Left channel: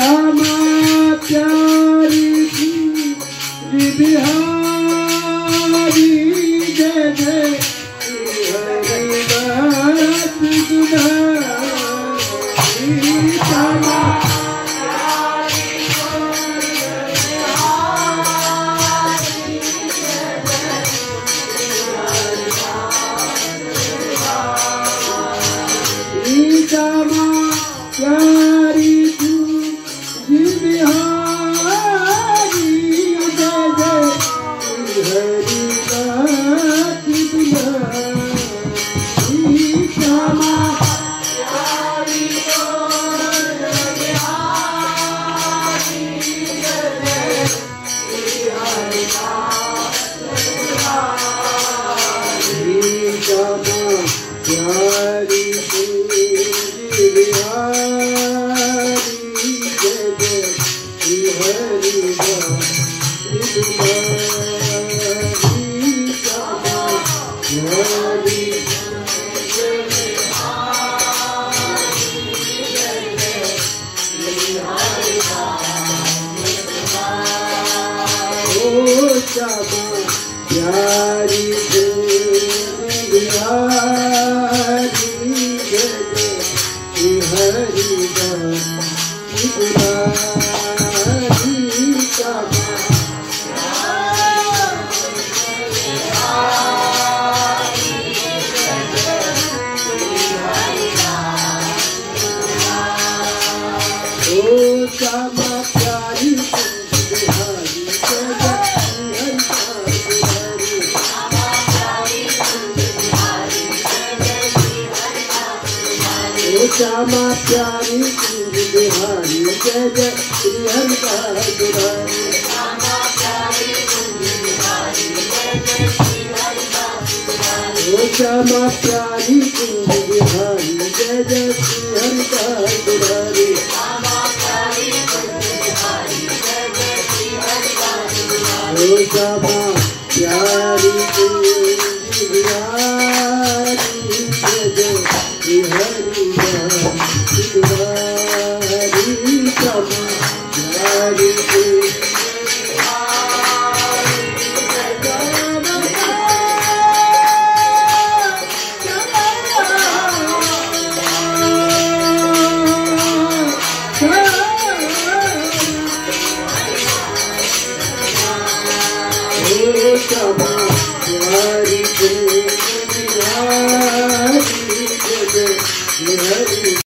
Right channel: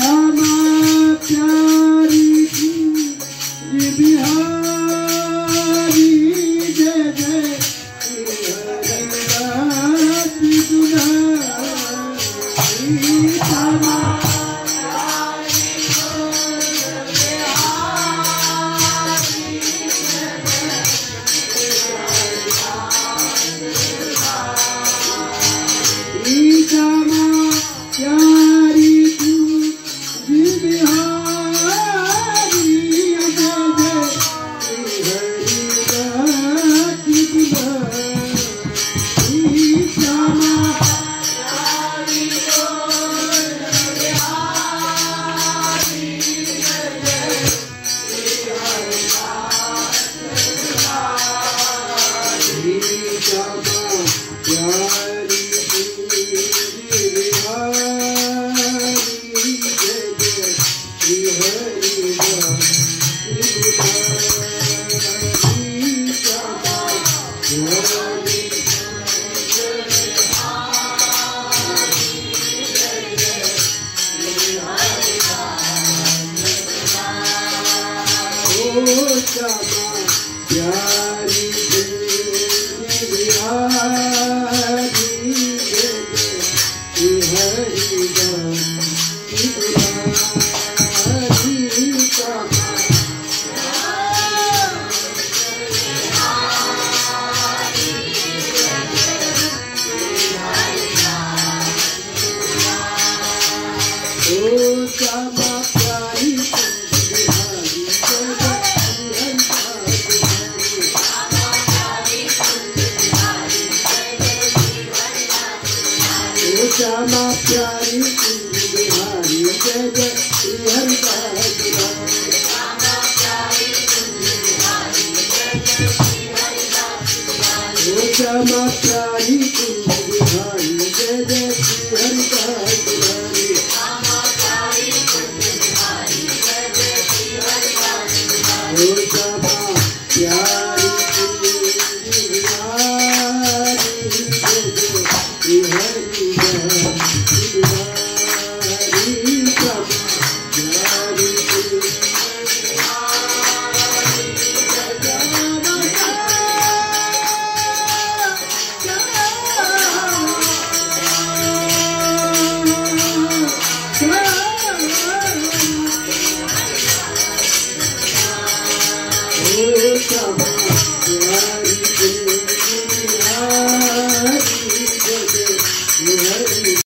श्यामा प्यारी बिहारी जय जय हरिदास दुधारी श्यामा प्यारी तू बिहारी जय जय हरिदास दुधारी श्यामा प्यारी तू बिहारी जय जय हरिदास दुधारी श्यामा प्यारी श्यामा प्यारी बिहारी जय जय श्री हरिदास दुधारी श्यामा प्यारी बिहारी जय जय श्री हरिदास दुधारी श्यामा प्यारी